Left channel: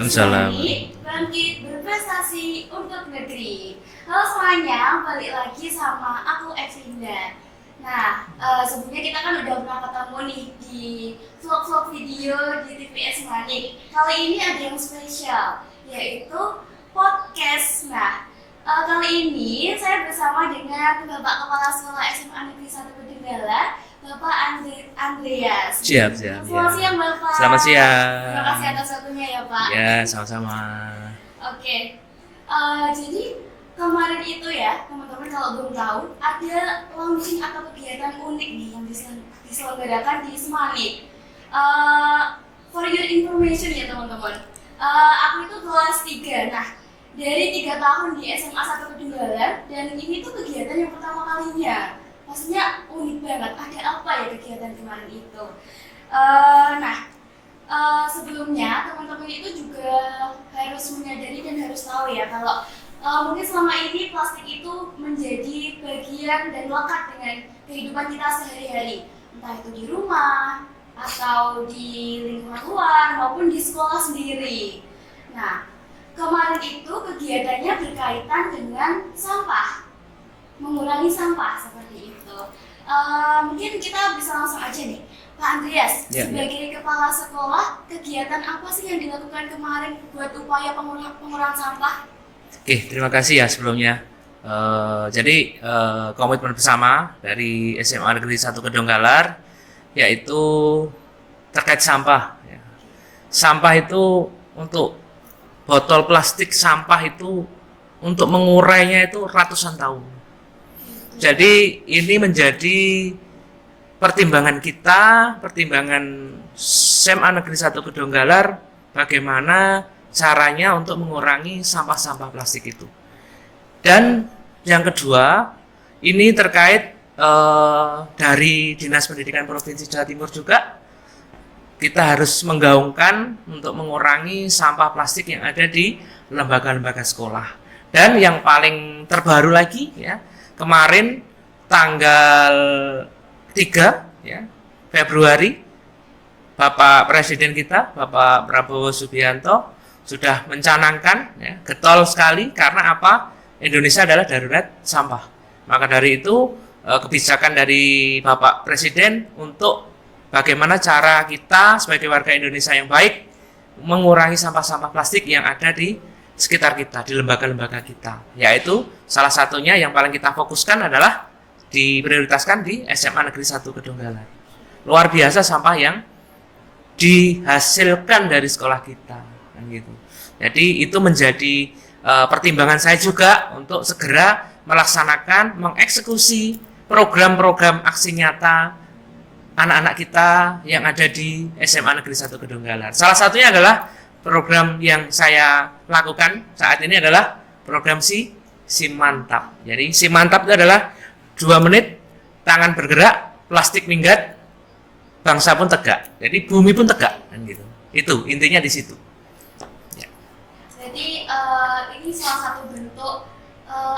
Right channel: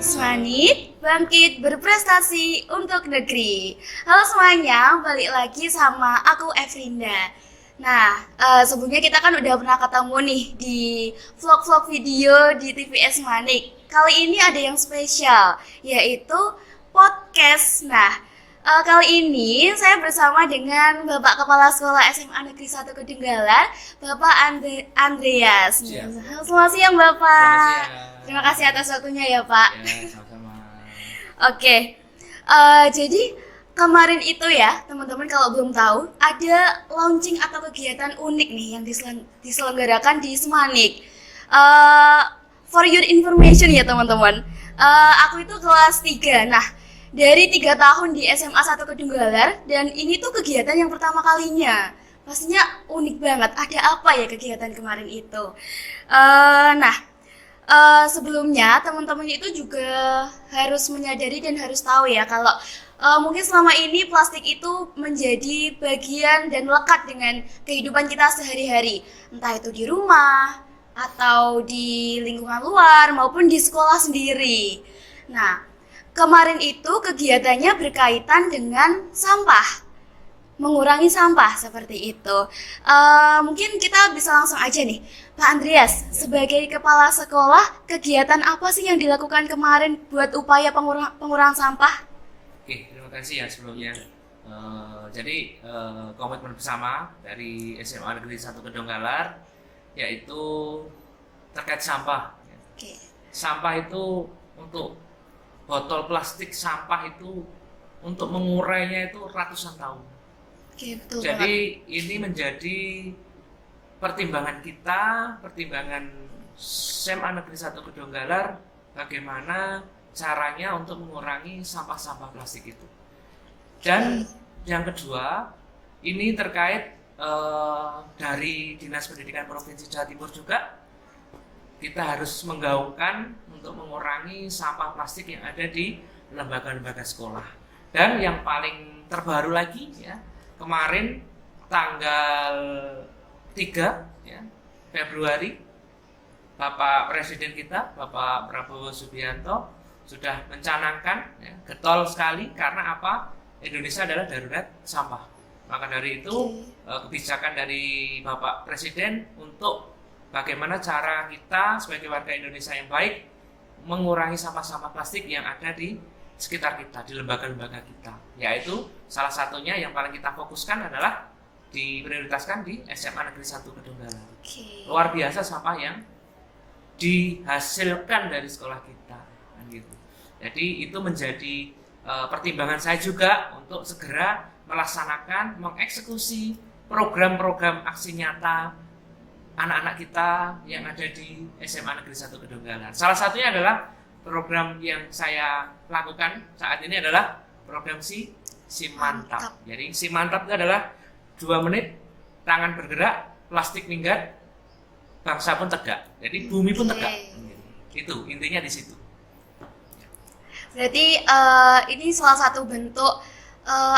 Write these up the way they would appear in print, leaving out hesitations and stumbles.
Salam. Esmani, bangkit berprestasi untuk negeri. Halo semuanya, balik lagi sama aku Evrinda. Nah, sebelumnya kita kan udah pernah ketemu nih di vlog-vlog video di TV Esmani. Kali ini ada yang spesial, yaitu podcast. Nah, kali ini saya bersama dengan Bapak Kepala Sekolah SMA Negeri 1 Kedunggalan, Bapak Andreas. Siap. Selamat siang Bapak. Selamat siang. Terima kasih atas waktunya ya Pak. Ya, sama-sama. Oke, jadi kemarin itu ya teman-teman kalau belum tahu ada launching atau kegiatan unik nih yang diselenggarakan di Semanik. For your information ya teman-teman, aku itu kelas 3. Nah, dari 3 tahun di SMA 1 Kedunggalan, dan ini tuh kegiatan yang pertama kalinya. Pastinya unik banget. Ada apa ya kegiatan kemarin itu? Sebelumnya teman-teman itu juga harus menyadari dan harus tahu ya kalau mungkin selama ini plastik itu menjadi bagian dan lekat dengan kehidupan kita sehari-hari, entah itu di rumah atau di lingkungan luar maupun di sekolah sendiri. Nah, kemarin itu kegiatannya berkaitan dengan sampah, mengurangi sampah seperti itu. Mungkin kita bisa langsung aja nih, Pak Andreas, sebagai kepala sekolah, kegiatan apa sih yang dilakukan kemarin buat upaya pengurangan sampah? Oke, terima kasih ya sebelumnya. Jadi komitmen bersama dari SMA Negeri 1 Kedunggalan yaitu terkait sampah. Sampah itu untuk botol plastik sampah itu untuk mengurainya itu ratusan tahun. Jadi ini menjadi pertimbangan kita, pertimbangan SMA Negeri 1 Kedunggalan, bagaimana caranya untuk mengurangi sampah-sampah plastik itu. Dan yang kedua, ini terkait dari Dinas Pendidikan Provinsi Jawa Timur juga, kita harus menggaungkan untuk mengurangi sampah plastik yang ada di lembaga-lembaga sekolah. Dan yang paling terbaru lagi ya, kemarin tanggal 3 ya, Februari, Bapak Presiden kita, Bapak Prabowo Subianto sudah mencanangkan ya, getol sekali karena apa? Indonesia adalah darurat sampah. Maka dari itu kebijakan dari Bapak Presiden untuk bagaimana cara kita sebagai warga Indonesia yang baik mengurangi sampah-sampah plastik yang ada di sekitar kita, di lembaga-lembaga kita. Yaitu salah satunya yang paling kita fokuskan adalah diprioritaskan di SMA Negeri 1 Kedunggalan. Luar biasa sampah yang dihasilkan dari sekolah kita, kan gitu. Jadi itu menjadi pertimbangan saya juga untuk segera melaksanakan, mengeksekusi program-program aksi nyata anak-anak kita yang ada di SMA Negeri 1 Kedunggalan. Salah satunya adalah program yang saya lakukan saat ini adalah program Si Mantap. Jadi Si Mantap itu adalah 2 menit, tangan bergerak, plastik minggat, bangsa pun tegak. Jadi bumi pun tegak, kan gitu. Itu intinya di situ. Ya. Berarti ini salah satu bentuk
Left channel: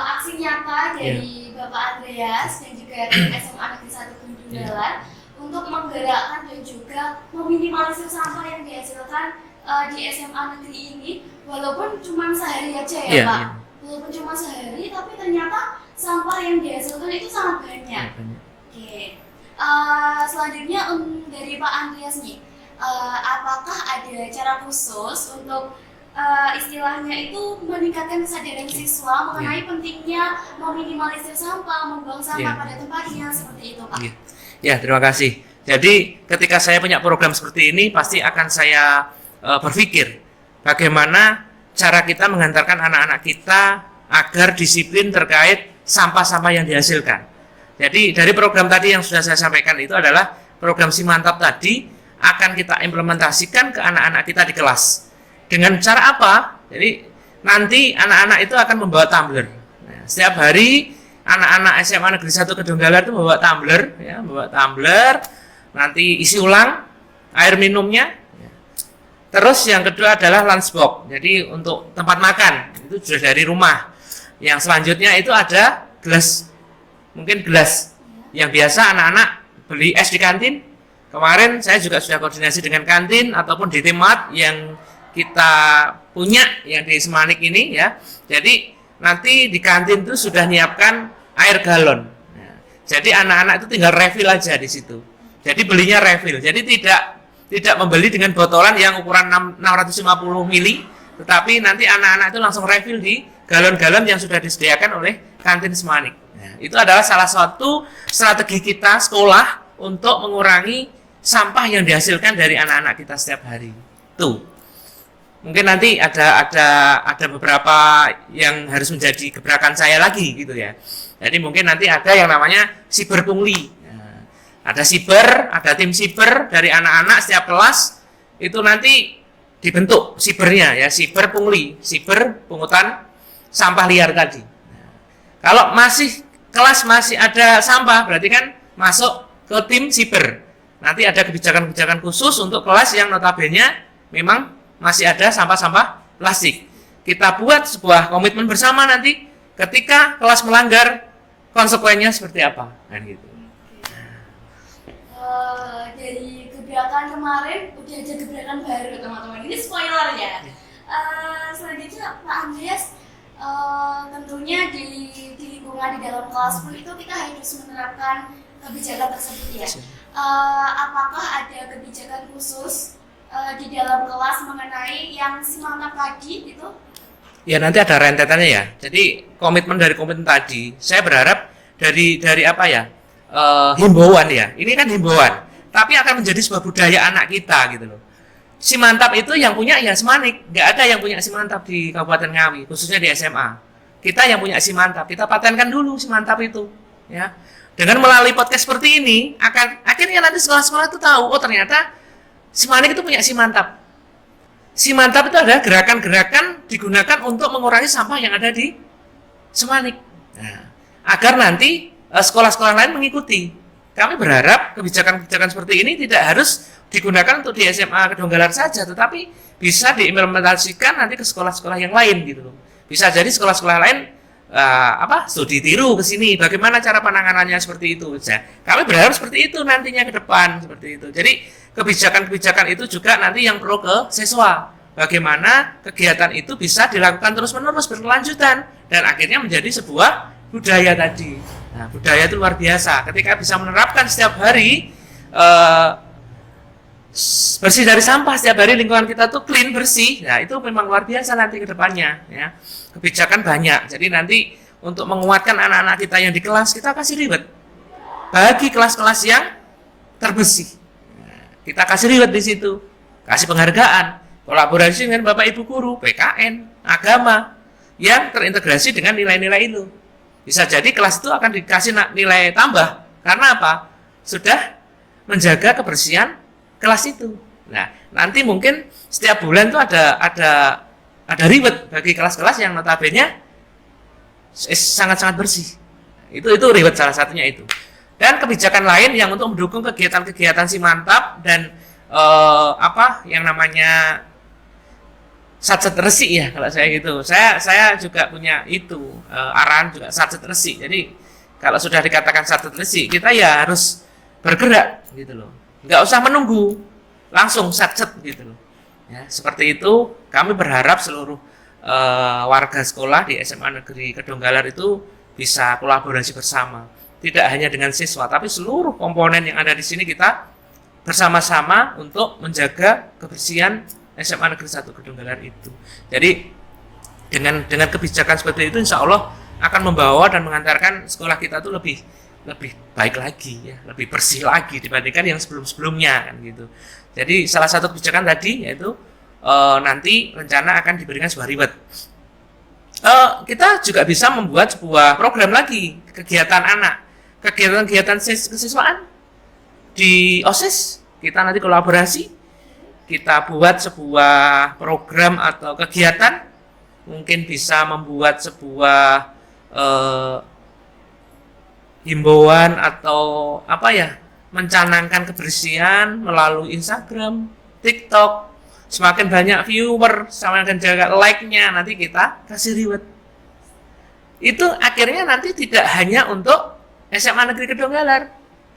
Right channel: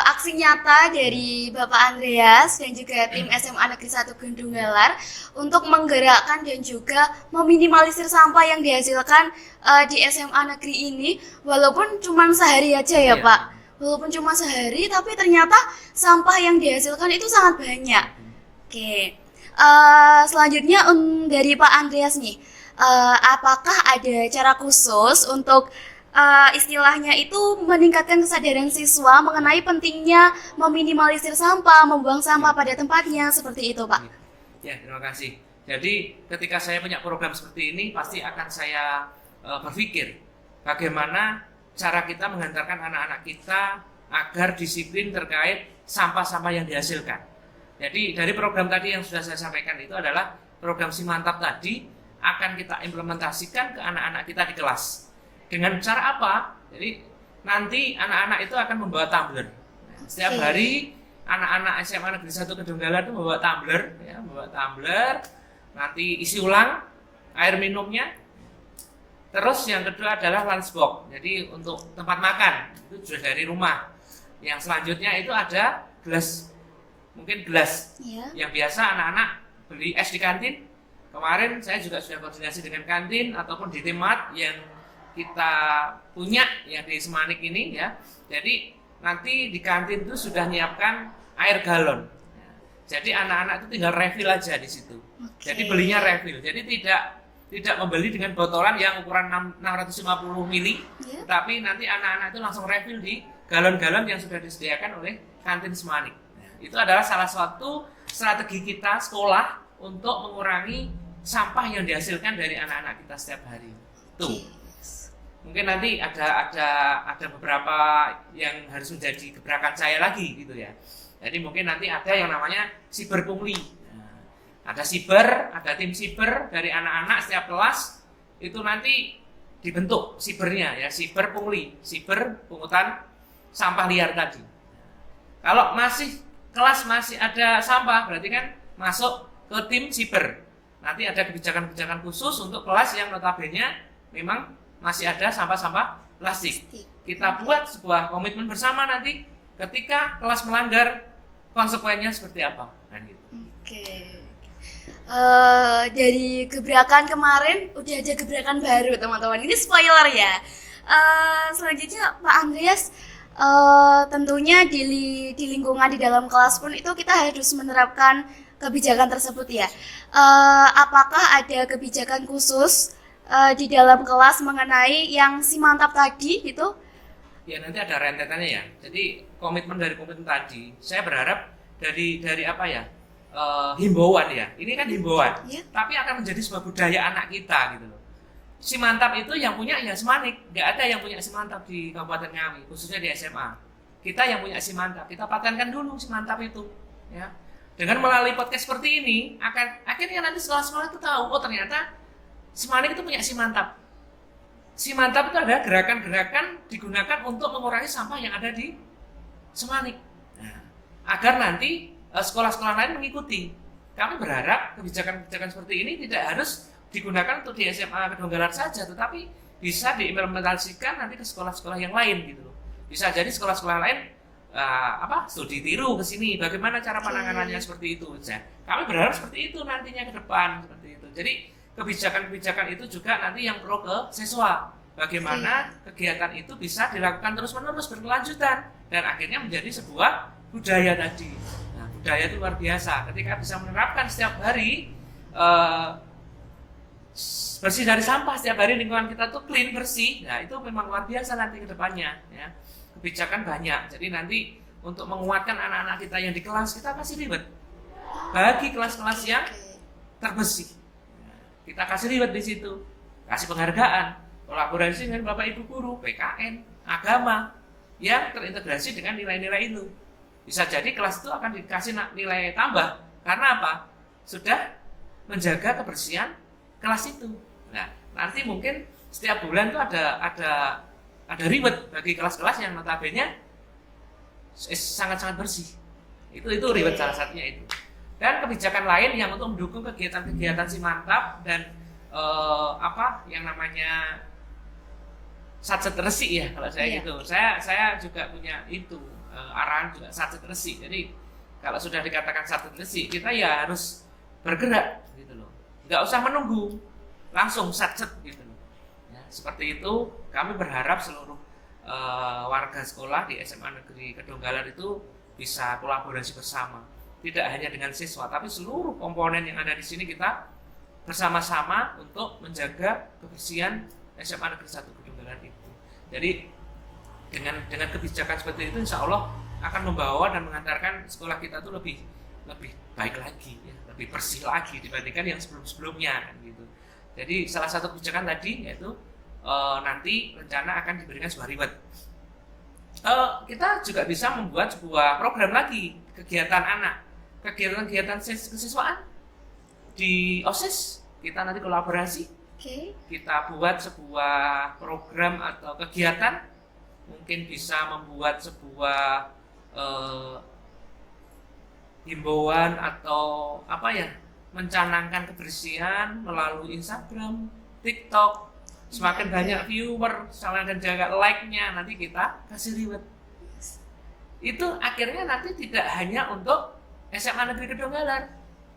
aksi nyata dari Bapak Andreas dan juga tim SMA Negeri 1 Kedunggalan untuk menggerakkan dan juga meminimalisir sampah yang dihasilkan di SMA negeri ini, walaupun cuma sehari aja ya Pak. Walaupun cuma sehari, tapi ternyata sampah yang dihasilkan itu sangat banyak. Oke, selanjutnya dari Pak Andreas nih, apakah ada cara khusus untuk istilahnya itu meningkatkan kesadaran siswa mengenai pentingnya meminimalisir sampah, membuang sampah pada tempatnya, seperti itu Pak? Ya, terima kasih. Jadi ketika saya punya program seperti ini, pasti akan saya berpikir bagaimana cara kita menghantarkan anak-anak kita agar disiplin terkait sampah-sampah yang dihasilkan. Jadi dari program tadi yang sudah saya sampaikan itu adalah program Si Mantap tadi akan kita implementasikan ke anak-anak kita di kelas. Dengan cara apa? Jadi nanti anak-anak itu akan membawa tumbler. Nah, setiap hari anak-anak SMA Negeri 1 Kedunggalan itu membawa tumbler, ya, membawa tumbler. Nanti isi ulang air minumnya. Terus yang kedua adalah lunchbox. Jadi untuk tempat makan itu sudah dari rumah. Yang selanjutnya itu ada gelas, mungkin gelas yang biasa anak-anak beli es di kantin. Kemarin saya juga sudah koordinasi dengan kantin ataupun DT Mart yang kita punya yang di Semanik ini ya. Jadi nanti di kantin itu sudah nyiapkan air galon. Nah, jadi anak-anak itu tinggal refill aja di situ. Jadi belinya refill. Jadi tidak membeli dengan botolan yang ukuran 650 mili, tetapi nanti anak-anak itu langsung refill di galon-galon yang sudah disediakan oleh kantin Semanik. Nah, itu adalah salah satu strategi kita sekolah untuk mengurangi sampah yang dihasilkan dari anak-anak kita setiap hari. Tuh. Mungkin nanti ada beberapa yang harus menjadi gebrakan saya lagi gitu ya. Jadi mungkin nanti ada yang namanya siber pungli. Nah, ada siber, ada tim siber dari anak-anak setiap kelas itu nanti dibentuk sibernya ya, siber pungli, siber pungutan sampah liar tadi. Nah, kalau kelas masih ada sampah berarti kan masuk ke tim siber. Nanti ada kebijakan-kebijakan khusus untuk kelas yang notabene memang masih ada sampah-sampah plastik. Kita buat sebuah komitmen bersama nanti ketika kelas melanggar konsekuensinya seperti apa kan gitu. Oke. Dari gebrakan kemarin udah ada gebrakan baru teman-teman. Ini spoiler ya. Selanjutnya Pak Andreas, tentunya di lingkungan di dalam kelas pun itu kita harus menerapkan kebijakan tersebut ya. Apakah ada kebijakan khusus di dalam kelas mengenai yang si mantap tadi gitu? Ya nanti ada rentetannya ya. Jadi komitmen tadi, saya berharap dari apa ya, himbauan ya. Ini kan himbauan, Ya. tapi akan menjadi sebuah budaya anak kita gitu loh. Si mantap itu yang punya ya Semanik, nggak ada yang punya si mantap di Kabupaten Ngawi, khususnya di SMA. Kita yang punya si mantap, kita patenkan dulu si mantap itu, ya. Dengan melalui podcast seperti ini, akhirnya nanti sekolah-sekolah itu tahu, oh ternyata Semanik itu punya si mantap. Si mantap itu adalah gerakan-gerakan digunakan untuk mengurangi sampah yang ada di Semanik. Nah, agar nanti sekolah-sekolah lain mengikuti. Kami berharap kebijakan-kebijakan seperti ini tidak harus digunakan untuk di SMA Kedunggalar saja, tetapi bisa diimplementasikan nanti ke sekolah-sekolah yang lain gitu loh. Bisa jadi sekolah-sekolah lain studi tiru ke sini, bagaimana cara penanganannya seperti itu. Kami berharap seperti itu nantinya ke depan seperti itu. Jadi kebijakan-kebijakan itu juga nanti yang perlu ke siswa. Bagaimana kegiatan itu bisa dilakukan terus-menerus berkelanjutan dan akhirnya menjadi sebuah budaya tadi. Nah, budaya itu luar biasa. Ketika bisa menerapkan setiap hari bersih dari sampah, setiap hari lingkungan kita tuh clean, bersih. Nah, itu memang luar biasa nanti ke depannya ya. Kebijakan banyak. Jadi nanti untuk menguatkan anak-anak kita yang di kelas, kita kasih reward. Bagi kelas-kelas yang terbersih. Kita kasih reward di situ, kasih penghargaan, kolaborasi dengan Bapak Ibu guru, PKN, agama yang terintegrasi dengan nilai-nilai itu. Bisa jadi kelas itu akan dikasih nilai tambah karena apa? Sudah menjaga kebersihan kelas itu. Nah, nanti mungkin setiap bulan itu ada reward bagi kelas-kelas yang notabene sangat-sangat bersih. Itu reward salah satunya itu. Dan kebijakan lain yang untuk mendukung kegiatan-kegiatan si mantap dan yang namanya satset resik ya kalau saya gitu. Saya juga punya itu arahan juga satset resik. Jadi kalau sudah dikatakan satset resik, kita ya harus bergerak gitu loh. Nggak usah menunggu, langsung satset gitu loh. Ya, seperti itu kami berharap seluruh warga sekolah di SMA Negeri Kedunggalar itu bisa kolaborasi bersama. Tidak hanya dengan siswa, tapi seluruh komponen yang ada di sini kita bersama-sama untuk menjaga kebersihan SMA Negeri 1 Kedunggalar itu. Jadi dengan kebijakan seperti itu, insya Allah akan membawa dan mengantarkan sekolah kita itu lebih baik lagi, ya, lebih bersih lagi dibandingkan yang sebelum-sebelumnya kan gitu. Jadi salah satu kebijakan tadi yaitu nanti rencana akan diberikan sebuah reward. Kita juga bisa membuat sebuah program lagi kegiatan anak. Kegiatan kesiswaan di OSIS kita nanti kolaborasi. Kita buat sebuah program atau kegiatan, mungkin bisa membuat sebuah himbauan atau mencanangkan kebersihan melalui Instagram, TikTok. Semakin banyak viewer, semakin banyak like-nya, nanti kita kasih reward. Itu akhirnya nanti tidak hanya untuk SMA Negeri Kedunggalar,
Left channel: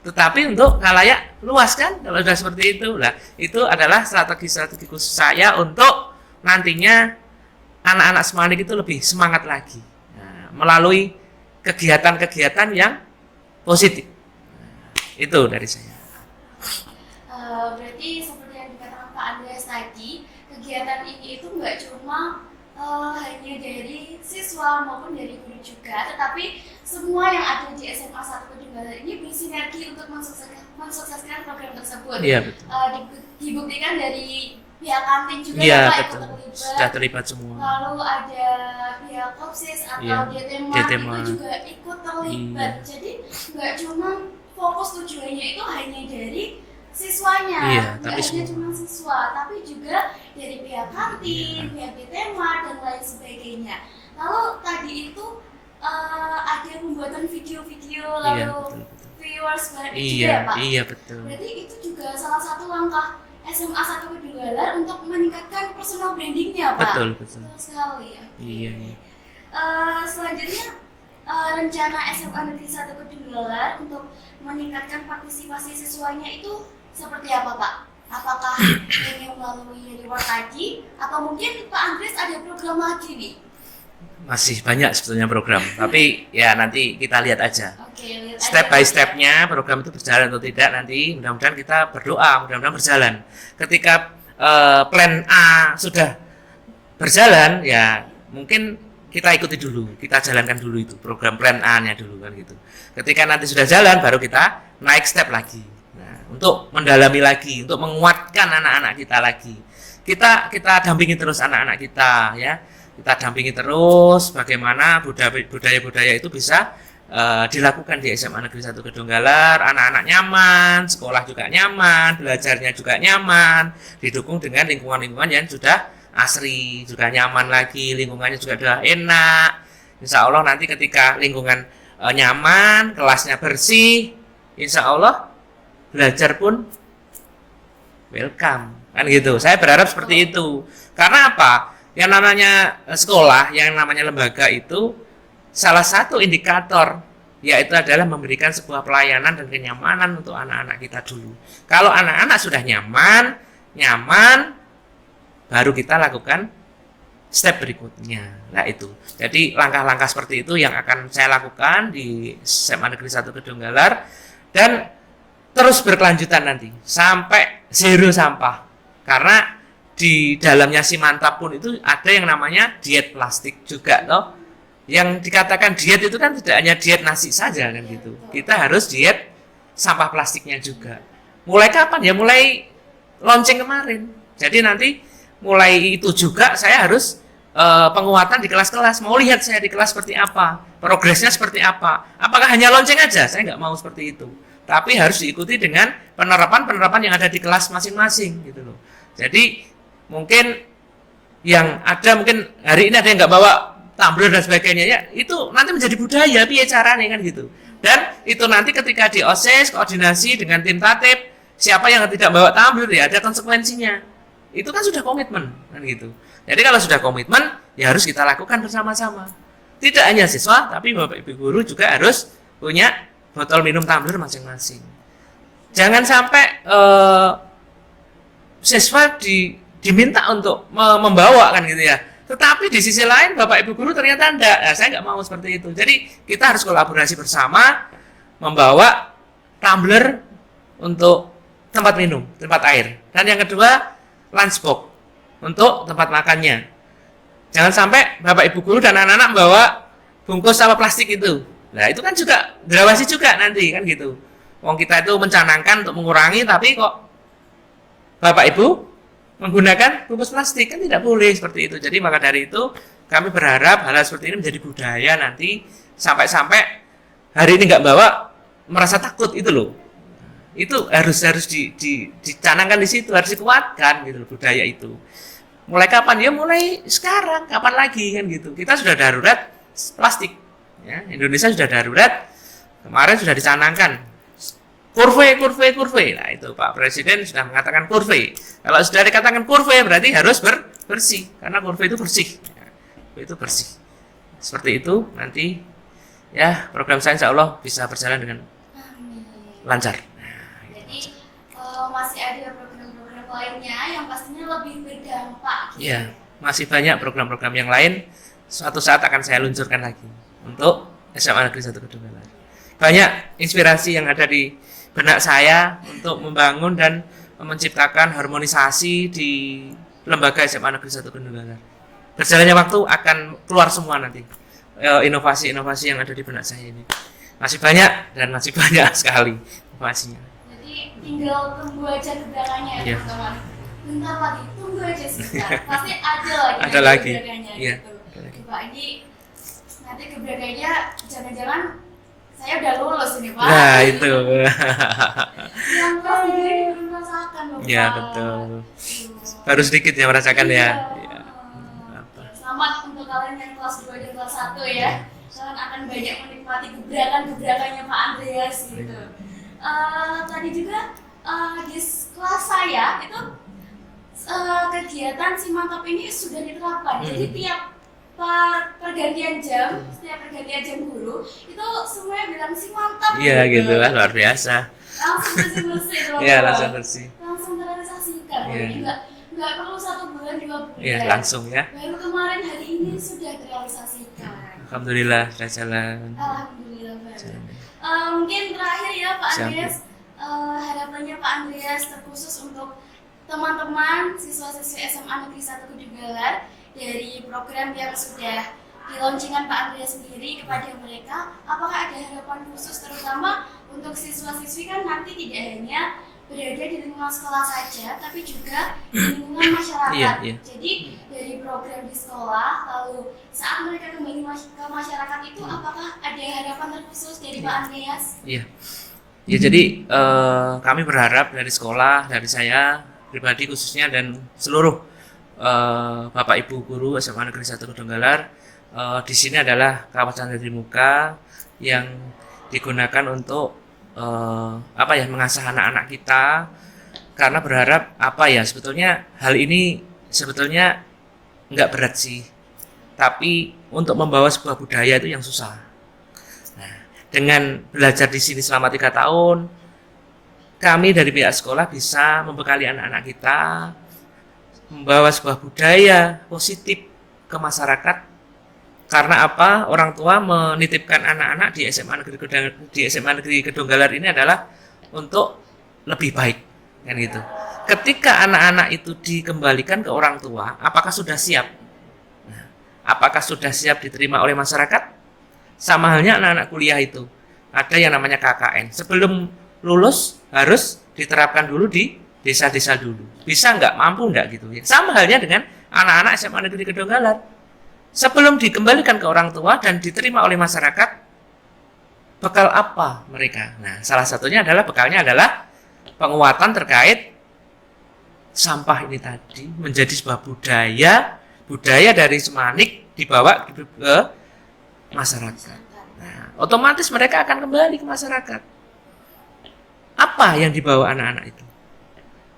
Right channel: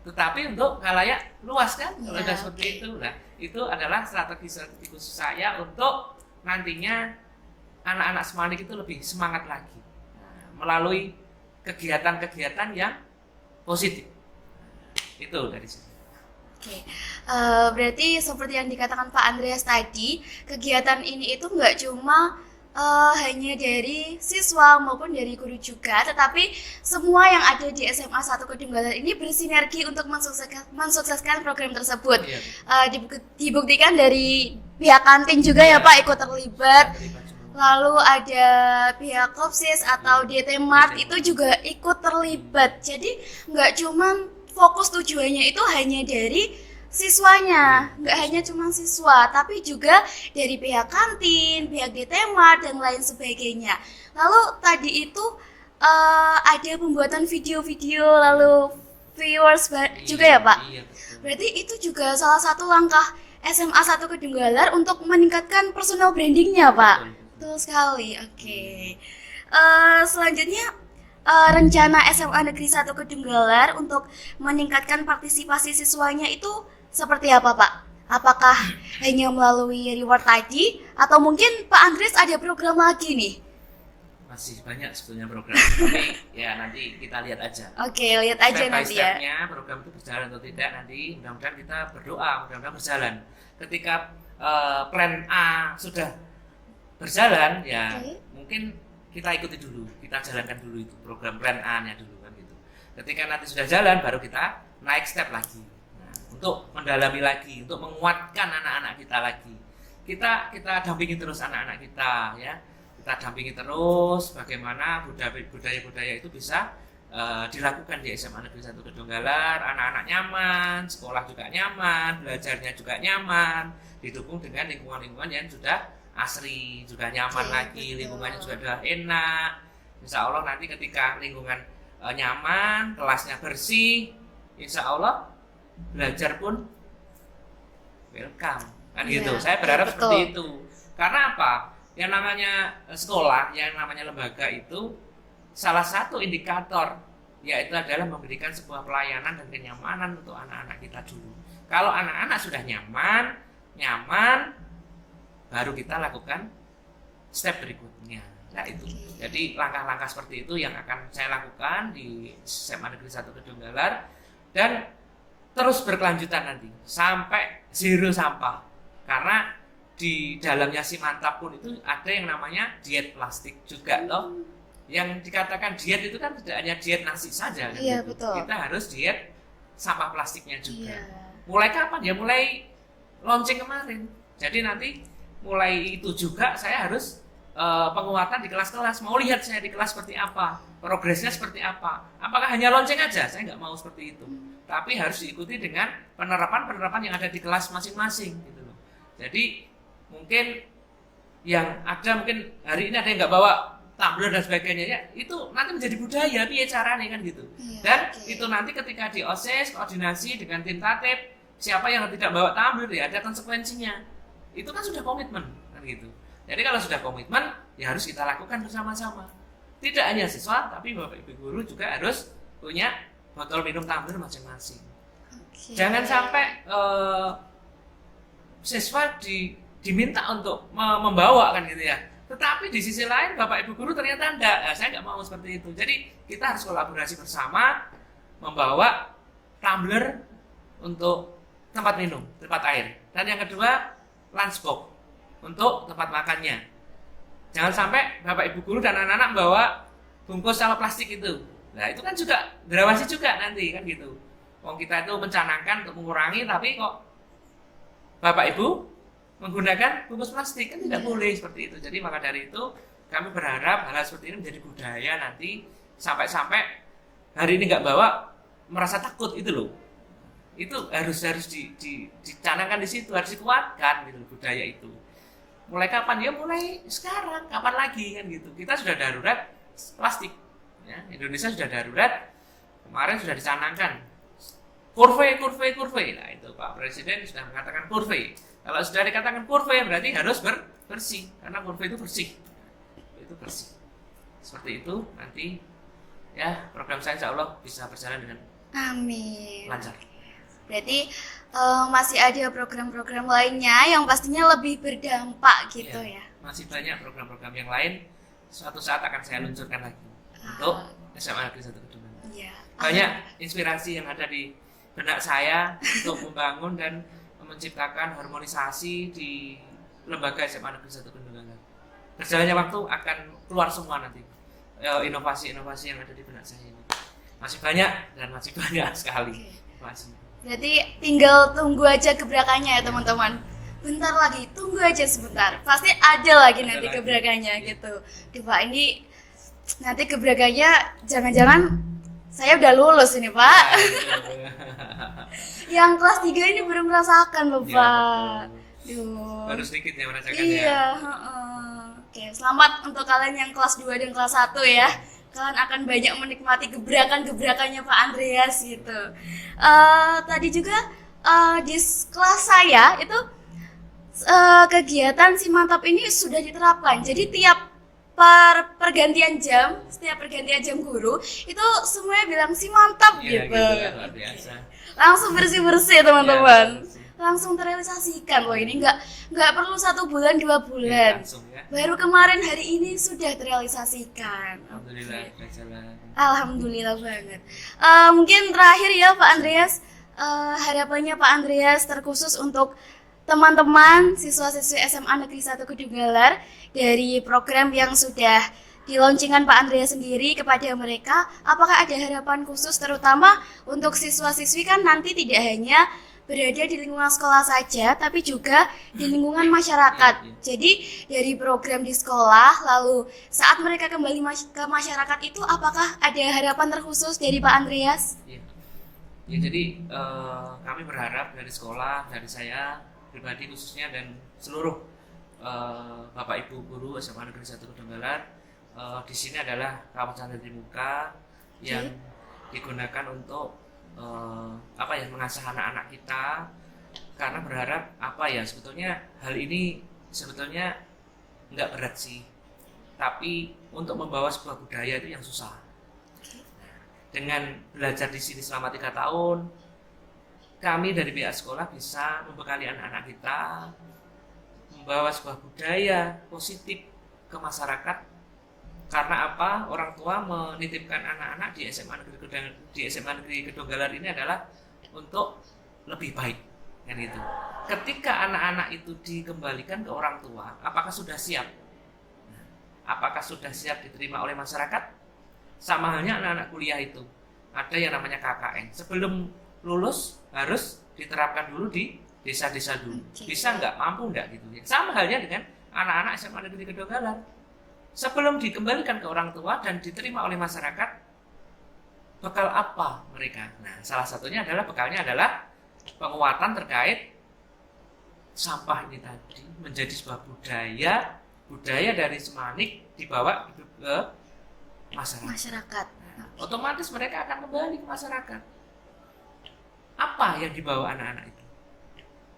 tetapi untuk khalayak luas kan, kalau sudah seperti itu. Nah, itu adalah strategi khusus saya untuk nantinya anak-anak Semanik itu lebih semangat lagi melalui kegiatan-kegiatan yang positif. Itu dari saya. Berarti seperti yang dikatakan Pak Andreas tadi, kegiatan ini itu nggak cuma hanya dari siswa maupun dari guru juga, tetapi semua yang ada di SMA 1 Kedunggalar ini bersinergi untuk mensukseskan program tersebut. Iya, betul. Dibuktikan dari pihak kantin juga ya Pak ikut terlibat. Sudah terlibat semua. Lalu ada pihak Kopsis atau DT-Mart itu juga ikut terlibat. Jadi nggak cuma fokus tujuannya itu hanya dari siswanya, nggak hanya cuma siswa, tapi juga dari pihak kantin, pihak DT-Mart dan lain sebagainya. Lalu tadi itu ada pembuatan video-video, lalu viewers juga ya Pak? Iya betul. Berarti itu juga salah satu langkah SMA 1 Kedunggalar untuk meningkatkan personal brandingnya Pak? Betul sekali, oke. Selanjutnya rencana SMA Negeri 1 Kedunggalar untuk meningkatkan partisipasi siswanya itu seperti apa Pak? Apakah hanya melalui reward tadi atau mungkin Pak Andreas ada program lagi nih? Masih banyak sebetulnya program, tapi ya nanti kita lihat aja. Oke, lihat aja. Step by stepnya program itu berjalan atau tidak nanti mudah-mudahan kita berdoa, mudah-mudahan berjalan. Ketika plan A sudah berjalan ya mungkin kita ikuti dulu, kita jalankan dulu itu program plan A-nya dulu kan gitu. Ketika nanti sudah jalan baru kita naik step lagi. Untuk mendalami lagi, untuk menguatkan anak-anak kita lagi. Kita dampingi terus anak-anak kita ya. Kita dampingi terus bagaimana budaya-budaya itu bisa dilakukan di SMA Negeri 1 Kedunggalar. Anak-anak nyaman, sekolah juga nyaman, belajarnya juga nyaman, didukung dengan lingkungan-lingkungan yang sudah asri, juga nyaman lagi, lingkungannya juga sudah enak. Insya Allah nanti ketika lingkungan nyaman, kelasnya bersih, insya Allah belajar pun welcome kan gitu. Saya berharap seperti itu. Karena apa? Yang namanya sekolah, yang namanya lembaga itu salah satu indikator yaitu adalah memberikan sebuah pelayanan dan kenyamanan untuk anak-anak kita dulu. Kalau anak-anak sudah nyaman baru kita lakukan step berikutnya. Nah itu. Jadi langkah-langkah seperti itu yang akan saya lakukan di SMA Negeri 1 Kedunggalar dan terus berkelanjutan nanti sampai zero sampah. Karena di dalamnya Simantap pun itu ada yang namanya diet plastik juga toh. Yang dikatakan diet itu kan tidak hanya diet nasi saja kan gitu. Betul. Kita harus diet sampah plastiknya juga. Mulai kapan ya? Mulai launching kemarin. Jadi nanti mulai itu juga saya harus penguatan di kelas-kelas. Mau lihat saya di kelas seperti apa, progresnya seperti apa. Apakah hanya launching aja? Saya nggak mau seperti itu. Tapi harus diikuti dengan penerapan yang ada di kelas masing-masing gitu loh. Jadi mungkin yang ada mungkin hari ini ada yang nggak bawa tumbler dan sebagainya ya itu nanti menjadi budaya piye caranya kan gitu. Dan itu nanti ketika di OSIS koordinasi dengan tim tatip siapa yang tidak bawa tumbler ya ada konsekuensinya. Itu kan sudah komitmen kan gitu. Jadi kalau sudah komitmen ya harus kita lakukan bersama-sama. Tidak hanya siswa tapi Bapak Ibu guru juga harus punya botol minum tumbler masing-masing. Jangan sampai siswa diminta untuk membawa kan gitu ya. Tetapi di sisi lain Bapak Ibu guru ternyata enggak. Nah, saya nggak mau seperti itu. Jadi kita harus kolaborasi bersama membawa tumbler untuk tempat minum, tempat air. Dan yang kedua lunchbox untuk tempat makannya. Jangan sampai Bapak Ibu guru dan anak-anak membawa bungkus sampah plastik itu. Nah itu kan juga diawasi juga nanti kan gitu. Wong kita itu mencanangkan untuk mengurangi tapi kok Bapak Ibu menggunakan bungkus plastik kan tidak boleh seperti itu. Jadi maka dari itu kami berharap hal seperti ini menjadi budaya nanti sampai-sampai hari ini nggak bawa merasa takut itu loh. Itu harus dicanangkan di situ, harus dikuatkan gitu loh, budaya itu. Mulai kapan? Ya mulai sekarang, kapan lagi kan gitu. Kita sudah darurat plastik. Ya, Indonesia sudah darurat, kemarin sudah dicanangkan kurve. Nah itu Pak Presiden sudah mengatakan kurve. Kalau sudah dikatakan kurve berarti harus bersih, karena kurve itu bersih. Itu bersih. Seperti itu nanti ya program saya insya Allah bisa berjalan dengan lancar. Berarti masih ada program-program lainnya yang pastinya lebih berdampak gitu ya. masih banyak program-program yang lain suatu saat akan saya luncurkan lagi untuk SMA Negeri 1 Kedunggalar. Iya. Banyak inspirasi yang ada di benak saya untuk membangun dan menciptakan harmonisasi di lembaga SMA Negeri 1 Kedunggalar. Berjalannya waktu akan keluar semua nanti inovasi-inovasi yang ada di benak saya ini. Masih banyak dan masih banyak sekali inovasinya. Berarti tinggal tunggu aja gebrakannya ya Iya. teman-teman. Bentar lagi, tunggu aja sebentar. Pasti ada lagi Ada nanti lagi. gebrakannya Iya. gitu. Oke, Pak, ini nanti gebrakannya jangan-jangan saya udah lulus ini, Pak. Nah, itu. Yang kelas 3 ini baru merasakan loh, Pak. Ya, betul. Duh. Baru sedikit yang merasakan Iya, ya. heeh. Oke, selamat untuk kalian yang kelas 2 dan kelas 1 ya. Kalian akan banyak menikmati gebrakan-gebrakannya Pak Andreas gitu. Tadi juga di kelas saya itu kegiatan si mantap ini sudah diterapkan. Jadi tiap pergantian jam, setiap pergantian jam guru itu semuanya bilang si mantap Iya gitu lah, luar biasa. langsung bersih-bersih Iya, teman-teman. langsung bersih. Langsung terrealisasikan loh Iya. ini nggak perlu 1 bulan 2 bulan. Iya, langsung ya. Baru kemarin hari ini sudah terrealisasikan. Alhamdulillah sudah jalan. Alhamdulillah banget. Mungkin terakhir ya Pak Siap. Andreas, harapannya Pak Andreas terkhusus untuk teman-teman siswa-siswi SMA Negeri 1 Kedunggalar dari program yang sudah di launchingkan Pak Andreas sendiri kepada mereka, apakah ada harapan khusus terutama untuk siswa-siswi kan nanti tidak hanya berada di lingkungan sekolah saja, tapi juga di lingkungan masyarakat. Iya, iya. Jadi dari program di sekolah, lalu saat mereka kembali ke masyarakat itu, apakah ada harapan terkhusus dari Pak Andreas? Iya. Ya jadi kami berharap dari sekolah, dari saya pribadi khususnya dan seluruh Bapak Ibu guru SMA Negeri 1 Kedunggalar di sini adalah kawasan dari muka yang digunakan untuk mengasah anak-anak kita, karena berharap sebetulnya hal ini sebetulnya nggak berat sih, tapi untuk membawa sebuah budaya itu yang susah. Nah, dengan belajar di sini selama 3 tahun, kami dari pihak sekolah bisa membekali anak-anak kita membawa sebuah budaya positif ke masyarakat. Karena apa? Orang tua menitipkan anak-anak di SMA Negeri Kedunggalar ini adalah untuk lebih baik, kan gitu. Ketika anak-anak itu dikembalikan ke orang tua, apakah sudah siap? Nah, apakah sudah siap diterima oleh masyarakat? Sama halnya anak-anak kuliah itu, ada yang namanya KKN. Sebelum lulus harus diterapkan dulu di desa-desa dulu. Bisa nggak? Mampu nggak gitu? Sama halnya dengan anak-anak SMA Negeri Kedunggalar. Sebelum dikembalikan ke orang tua dan diterima oleh masyarakat, bekal apa mereka? Nah, salah satunya adalah bekalnya adalah penguatan terkait sampah ini tadi menjadi sebuah budaya dari Semanik dibawa ke masyarakat. Nah, otomatis mereka akan kembali ke masyarakat. Apa yang dibawa anak-anak itu?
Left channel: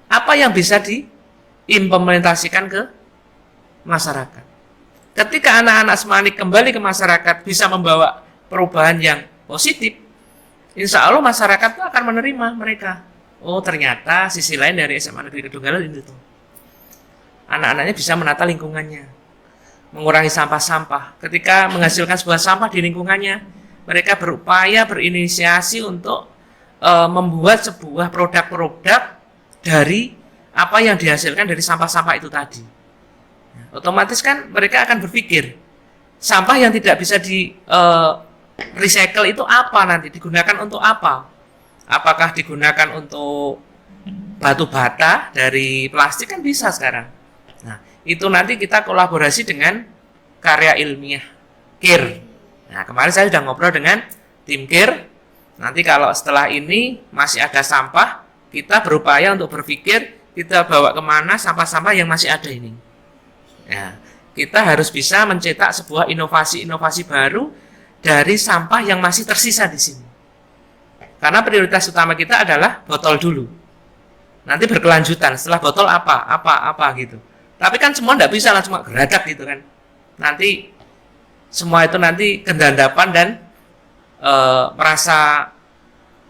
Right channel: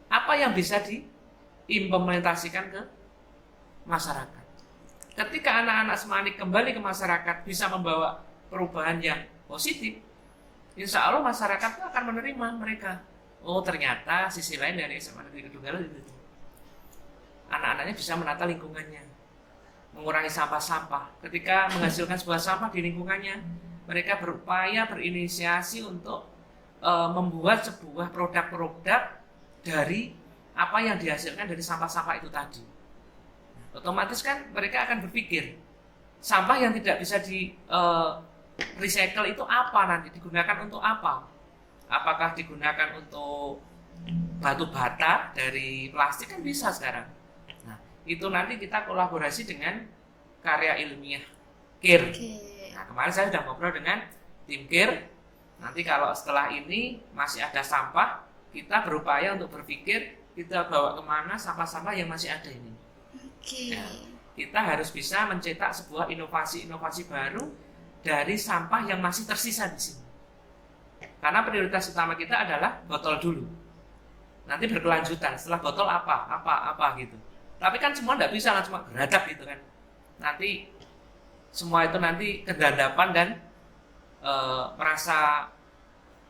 Apa yang bisa diimplementasikan ke masyarakat? Ketika anak-anak Semanik kembali ke masyarakat bisa membawa perubahan yang positif, insya Allah masyarakat itu akan menerima mereka. Oh, ternyata sisi lain dari SMA Negeri Kedunggalar itu tuh. Anak-anaknya bisa menata lingkungannya, mengurangi sampah-sampah. Ketika menghasilkan sebuah sampah di lingkungannya, mereka berupaya berinisiasi untuk membuat sebuah produk-produk dari apa yang dihasilkan dari sampah-sampah itu tadi. Otomatis kan mereka akan berpikir sampah yang tidak bisa di recycle itu apa, nanti digunakan untuk apa? Apakah digunakan untuk batu bata dari plastik? Kan bisa sekarang. Nah, itu nanti kita kolaborasi dengan karya ilmiah KIR. Nah, kemarin saya sudah ngobrol dengan tim KIR. Nanti kalau setelah ini masih ada sampah, kita berupaya untuk berpikir kita bawa kemana sampah-sampah yang masih ada ini. Nah, kita harus bisa mencetak sebuah inovasi-inovasi baru dari sampah yang masih tersisa di sini. Karena prioritas utama kita adalah botol dulu. Nanti berkelanjutan, setelah botol apa gitu. Tapi kan semua tidak bisa langsung geradak gitu kan. Nanti semua itu nanti kedandapan dan merasa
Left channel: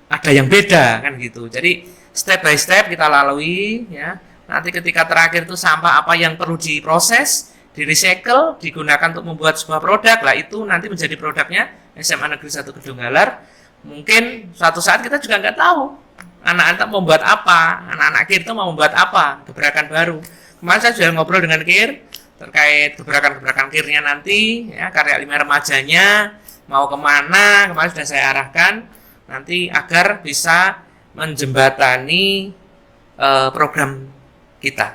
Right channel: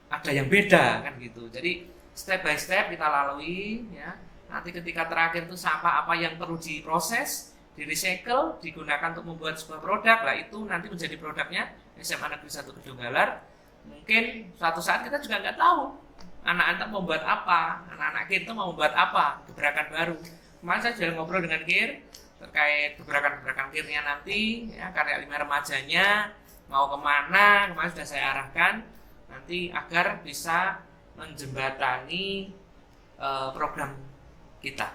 ada yang beda kan gitu. Jadi step by step kita lalui ya. Nanti ketika terakhir itu sampah apa yang perlu diproses, di recycle, digunakan untuk membuat sebuah produk. Lah itu nanti menjadi produknya SMA Negeri 1 Kedunggalar. Mungkin suatu saat kita juga nggak tahu anak-anak mau membuat apa, anak-anak KIR itu mau membuat apa, gebrakan baru. Kemarin saya sudah ngobrol dengan KIR terkait gebrakan-gebrakan KIR-nya nanti, ya, karya 5 remajanya mau kemana, kemarin sudah saya arahkan nanti agar bisa menjembatani program kita,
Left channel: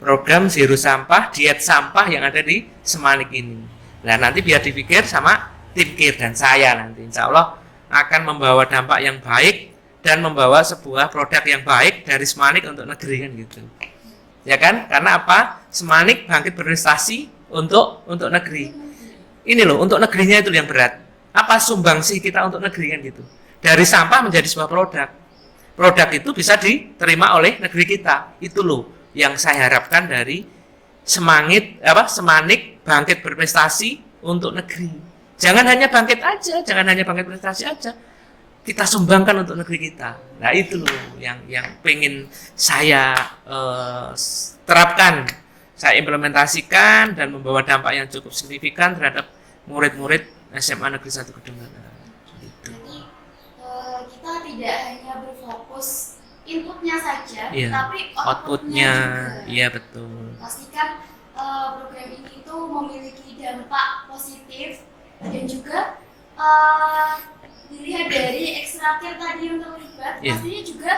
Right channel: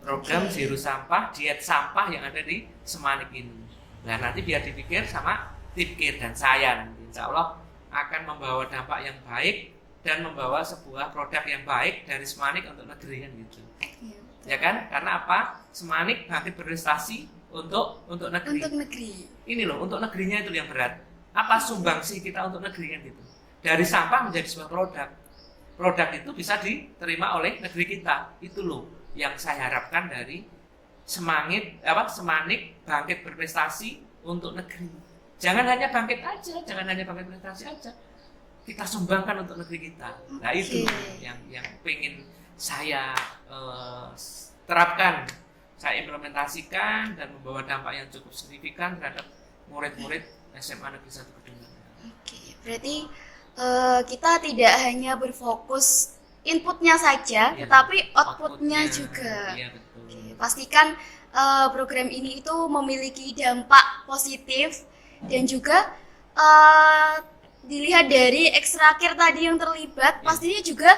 program Zero Sampah, diet sampah yang ada di Semanik ini. Nah nanti biar dipikir sama tim KIR dan saya nanti, insya Allah akan membawa dampak yang baik dan membawa sebuah produk yang baik dari Semanik untuk negeri kan gitu. Ya kan? Karena apa? Semanik bangkit berprestasi untuk negeri. Untuk negeri. Ini loh, untuk negerinya itu yang berat. Apa sumbangsih kita untuk negeri kan gitu. Dari sampah menjadi sebuah produk. Produk itu bisa diterima oleh negeri kita. Itu loh yang saya harapkan dari Semanik bangkit berprestasi untuk negeri. Jangan hanya bangkit aja, jangan hanya bangkit prestasi aja. Kita sumbangkan untuk negeri kita. Nah itu yang pengen saya terapkan, saya implementasikan dan membawa dampak yang cukup signifikan terhadap murid-murid SMA Negeri 1 Kedunggalar. Berarti kita tidak hanya berfokus inputnya saja, Iya, tapi outputnya juga. Iya betul. Pastikan program ini itu memiliki dampak positif dan juga dilihat dari ekstrakir tadi yang terlibat, Iya. pastinya juga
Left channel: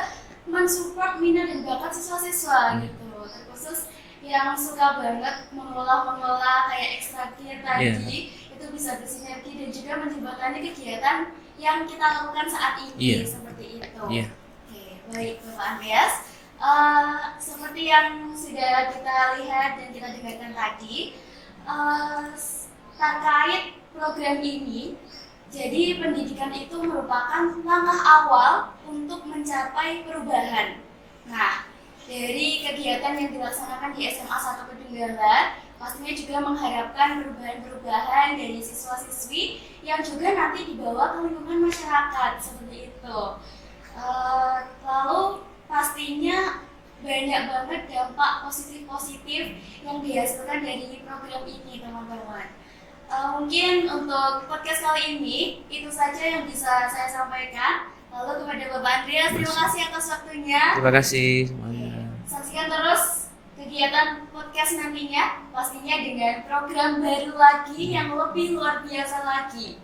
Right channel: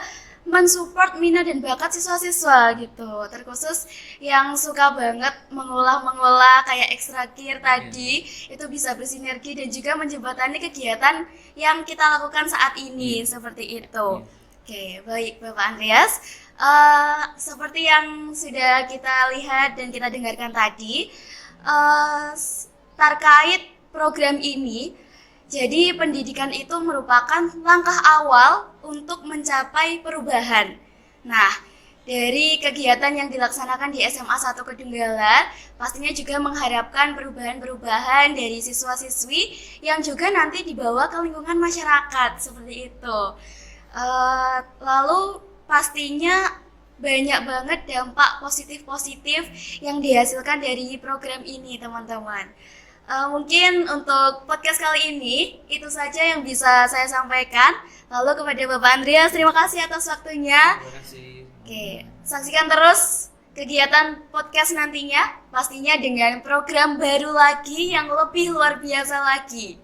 mensupport minat dan bakat siswa-siswa gitu. Terkhusus yang suka banget mengolah kayak ekstrakir tadi, itu bisa bersinergi dan juga menjembatani kegiatan yang kita lakukan saat ini, seperti itu. Oke, baik Bapak Andreas. Seperti yang sudah kita lihat dan kita dengarkan tadi, terkait program ini, jadi pendidikan itu merupakan langkah awal untuk mencapai perubahan. Nah, dari kegiatan yang dilaksanakan di SMA 1 Kedunggalar, pastinya juga mengharapkan perubahan-perubahan dari siswa-siswi yang juga nanti dibawa ke lingkungan masyarakat, seperti itu. Lalu pastinya banyak banget dampak positif-positif yang dihasilkan dari program ini, teman-teman. Mungkin untuk podcast kali ini itu saja yang bisa saya sampaikan. Lalu kepada Bapak Andreas, terima kasih atas waktunya. Terima kasih. Oke, saksikan terus kegiatan podcast nantinya, pastinya dengan program baru lagi yang lebih luar biasa lagi.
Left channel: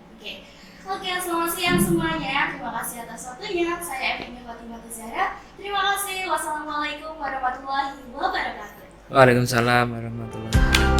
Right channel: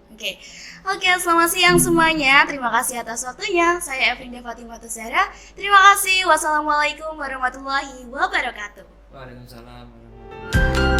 Oke, selamat siang semuanya. Terima kasih atas waktunya. Saya Evinda Fatimah Tuzara. Terima kasih. Wassalamualaikum warahmatullahi wabarakatuh. Waalaikumsalam warahmatullahi wabarakatuh.